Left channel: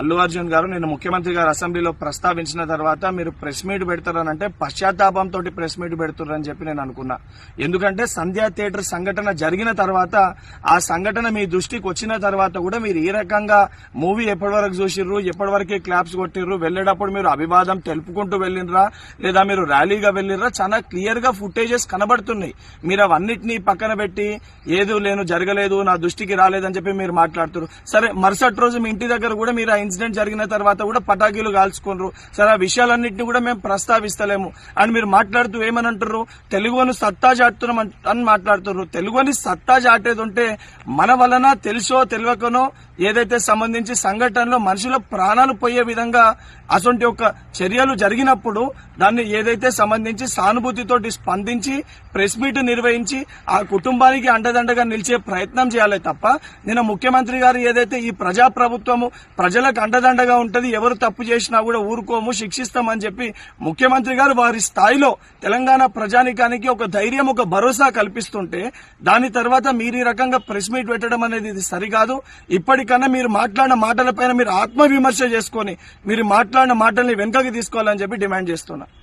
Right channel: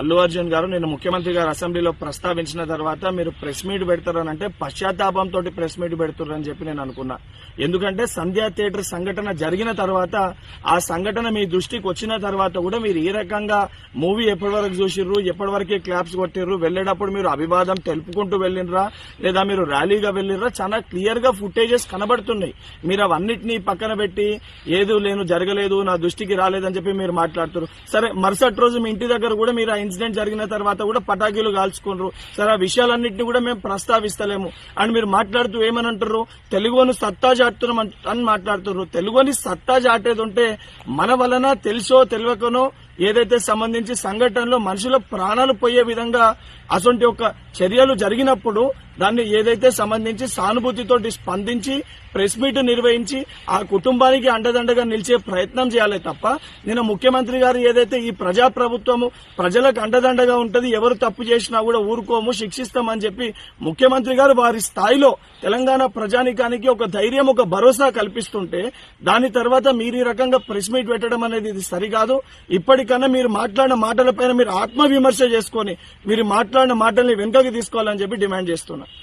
అల్లు అర్జున్ గారు నిన్న ముఖ్యమంత్రి గారు అసెంబ్లీలో ప్రస్తావించిన తర్వాత మీరు ప్రెస్ మీట్ పెడతారనంటే పశ్చాత్తాపంతో ప్రెస్ మీట్ పెడుతున్నారని చెప్పి నేను అనుకున్నా. ఎందుకంటే సంధ్యా థియేటర్ సంఘటన జరిగిన తర్వాత ఆ సంఘటన మీ దృష్టికి వచ్చిన తర్వాత కూడా మీరు ఈ రకంగా మూవీ ఎప్పటి వరకు చూసిర్రు, ఎప్పటి వరకే క్లాప్స్ కొట్టిర్రు, వెళ్లేటప్పుడు మీరు అభివాదం తెలుపుకుంటూ వెళ్ళినరా లేదా మీరు ర్యాలీగా వెళ్ళినరా, చాలా క్లియర్ గా ఫుటేజెస్ కనబడుతున్నాయి. మీరు అవన్నిటినీ పక్కన పెట్టి ఏదో లేను జరగలేదు నా దృష్టికి రాలేదని చెప్పి మీరు మాట్లాడుతున్నారు. సరే, మరుసటి రోజు మీ ఇంటి దగ్గర కూడా మీరు ఇన్సిడెంట్ జరిగిన తర్వాత కూడా పటాకీలు కాల్చుకున్నారు. సరే, ఆ విషయాలన్నింటినీ కూడా మేము ప్రస్తావిస్తలేము అని మీరు మాట్లాడుతూ ఏమనంటారు, తెలుగుని సత్తా చాటుతున్నాం అని మాట్లాడుతున్నారు. తెలుగుని సత్తా చాటేది ఉంటే మన వలన తెలుసో తెలియకనో ఏదైతే సంబంధించి సంఘటనలో మనుషుల ప్రాణాలు పోయే విధంగా అటువంటి ఒక చర్యలు జరిగినప్పుడు దాన్ని ఏదైతే సంబంధించి సానుభూతితో స్పందించి ప్రెస్ మీట్ నిర్వహించి ఆ కుటుంబానికి అండదండగా నిలిచే ప్రయత్నం చేయాలి తప్ప నిన్న ముఖ్యమంత్రి గారు ఏదైతే ఈ ప్రజాప్రభుత్వము ప్రజలకు అండదండగా ఉంటది, ఎవరు తప్పు చేసినా కూడా ఊరుకోము శిక్షిస్తామని చెప్పి ముఖ్యమంత్రి గారు వారి స్థాయిలో తెలంగాణ ప్రజానికానికి ఒక ధైర్యం ఒక భరోసా కల్పిస్తుంటే దాని తర్వాత మీరు ఈ రకంగా ప్రెస్ మీట్ పెట్టడం అనేది ఇది సరికాదు. ఇప్పటికన్నా మీరు మాట్లాడిన మాటలపైన మీరు ఆత్మవిమర్శ చేసుకుని మీరు మాట్లాడిన మాటల్ని వెనుకకి తీసుకోవాలని చెప్పి డిమాండ్ చేస్తున్నా.